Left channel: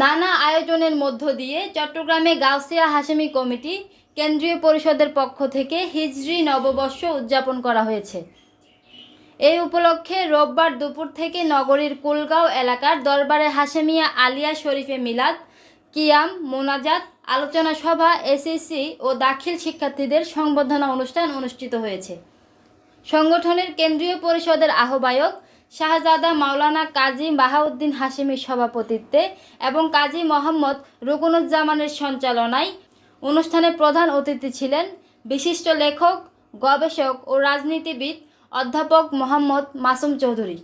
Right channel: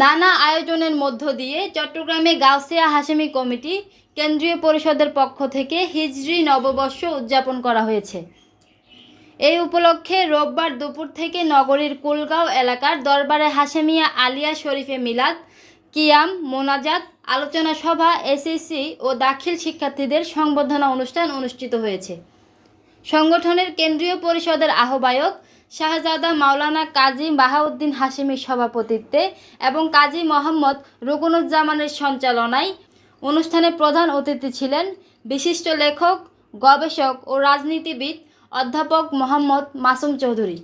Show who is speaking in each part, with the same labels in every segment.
Speaker 1: নানা আয়োজনের মধ্য দিয়ে চট্টগ্রামে গাউসিয়া হাসেমি কমিটি কেন্দ্রীয় পরিষদের পক্ষ থেকে হিজরি নববর্ষ উদযাপন করা হয়েছে। এই উপলক্ষে রোববার দুপুর থেকে নগরীর কুলগাঁও এলাকার দরবারে হাশেমিয়া আলিয়া শরীফে মিলাদ, কিয়াম, মোনাজাত, আলোচনা সভা, এসএসসি ও দাখিল শিক্ষার্থীদের সংবর্ধনা অনুষ্ঠান অনুষ্ঠিত হয়েছে। সংগঠনের কেন্দ্রীয় পরিষদের আহ্বায়ক শাহজাদা মাওলানা কাজী বাহাউদ্দিন হাশেমির সভাপতিত্বে এবং কাজী মোহাম্মদ রুকনুজ্জামানের সঞ্চালনায় অনুষ্ঠানে প্রধান অতিথি ছিলেন বিশিষ্ট লেখক, গবেষক ও রাজনীতিবিদ অধ্যাপক মোহাম্মদ মাসুম চৌধুরী।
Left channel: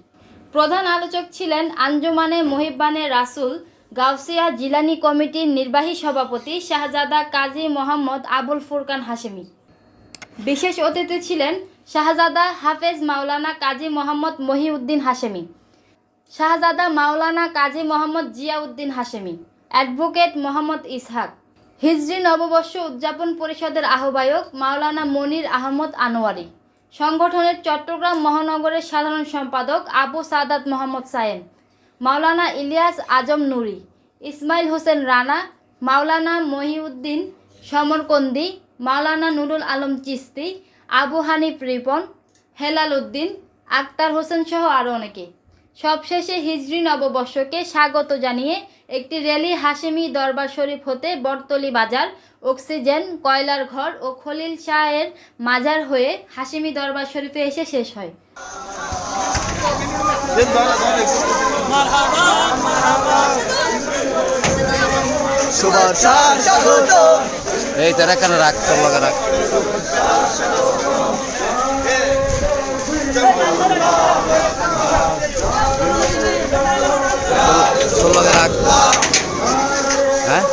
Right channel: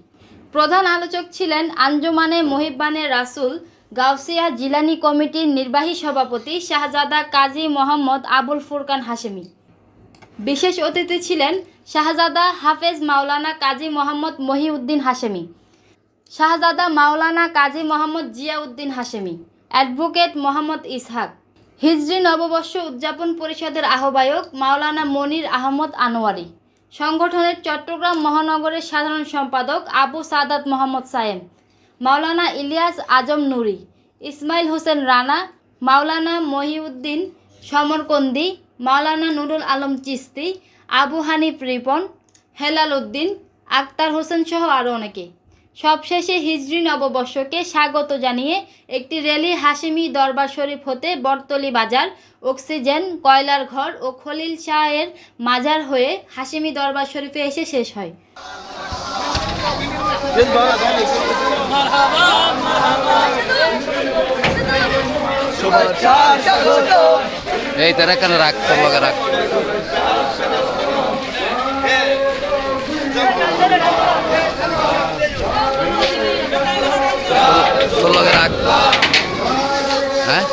Speaker 1: প্রধান আলোচক ছিলেন আঞ্জুমানে মহিব্বানে রাসুল, গাউসিয়া জিলানি কমিটির নির্বাহী সভাপতি শাহজাদা কাজী মোহাম্মদ আবুল ফুরকান হাশেমি। বিশেষ অতিথি ছিলেন শাহজাদা হাফেজ মাওলানা কাজী মোহাম্মদ মহিউদ্দিন হাশেমি, শাহজাদা মাওলানা কাজী মোহাম্মদ জিয়াউদ্দিন হাশেমি, অ্যাডভোকেট মোহাম্মদ ইসহাক, হিজরি নববর্ষ উদযাপন পরিষদের আহ্বায়ক মাওলানা মনির আহমদ আনোয়ারি। সংগঠনের চট্টগ্রাম মহানগরের সাধারণ সম্পাদক আবু সাদাত মোহাম্মদ সায়েন মাওলানা ইলিয়াস আজম নুরি, ইসমাইল হোসেন রানা, মাওলানা মহিউদ্দিন সমরকন্দি, মাওলানা নুরুল আলম চিস্তি, আবু হানিফ রিপন, হেলাল উদ্দিন, আক্তার হোসেন সহ আরও অনেকে। সবশেষে হিজরি নববর্ষকে স্বাগত জানিয়ে একটি র্যালি হাসিমি দরবার শরীফ হতে বটতলি বাজার, অক্সিজেন, কয়লার ঘর ও খলিল শাহের মাজার হয়ে হাসিমি দরবার শরীফে এসে শেষ হয়।
Speaker 2: এই তারা কেন রাখ তোর লগে লগে রাখ। হ্যাঁ?